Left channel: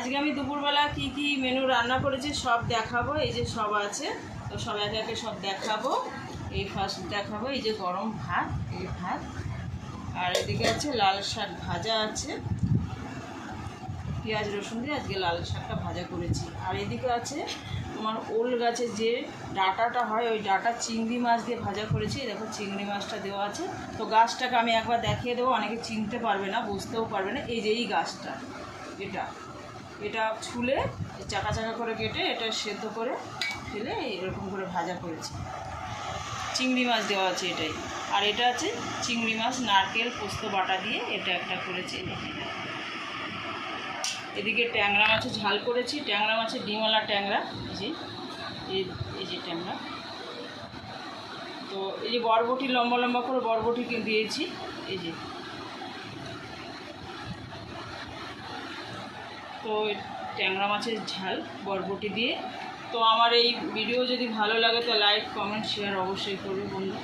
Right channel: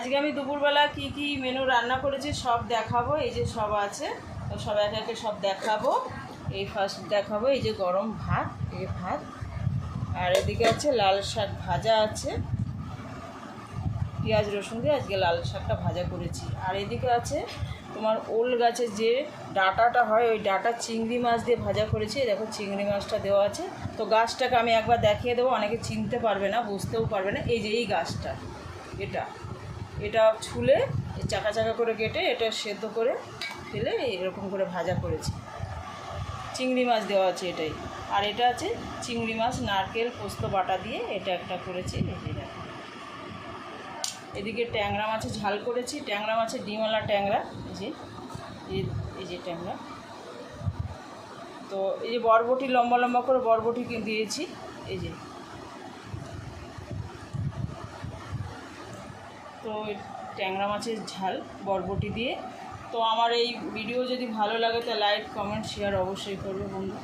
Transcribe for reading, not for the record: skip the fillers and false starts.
আজকে আমি দুপুরবেলা কি কি মেনু রান্না করেছি সব দেখাবো। এই যে সব আছে, তো সব একে একে সব দেখাবো। এই ফার্স্ট দেখাবো এই যে গরম ভাত, এই ভাত, আর এদিকে আছে লাল শাক ভাজা আছে, পেঁয়াজ রসুন দিয়ে আজকে লাল শাকটা ভাজা করেছি। আর এদিকে আছে তোমার ওল গাছের যে ডাঁটাটা হয়, ওই ডাঁটা চিংড়ি মাছ দিয়ে ভাজা করেছি। দেখো চিংড়ি মাছটা দেওয়া আছে। তো গাছটাকে আমি একবার দেখিয়ে দেবো, অনেকে চিনতে পারবে না, বুঝতেও পারবে না। এই যে এই গাছটা, এটা ছুলে চাকা চাকা করে কেটে এটা সেদ্ধ করে ফেলে এরকম করে ভাজা করেছি। চিংড়ি মাছ দেওয়া আছে এটাই। আর এটা আছে চিংড়ি মাছ নারকেল পোস্ত বাটা দিয়ে এটা একটা করেছি। এদিকে ট্যাংরা মাছের ঝাল করেছি, ট্যাংরা মাছের ডিমওয়ালা ট্যাংরা, এই যে ট্যাংরা। তো এই বরবটি লম্বা লম্বা করে বরবটি দিয়েছি, এই যে। তো ট্যাংরা মাছের ঝাল বরবটি দিয়ে। তো আমার এই ভিডিও যদি ভালো লাগে তো লাইক কমেন্ট শেয়ার অবশ্যই করবে বন্ধু।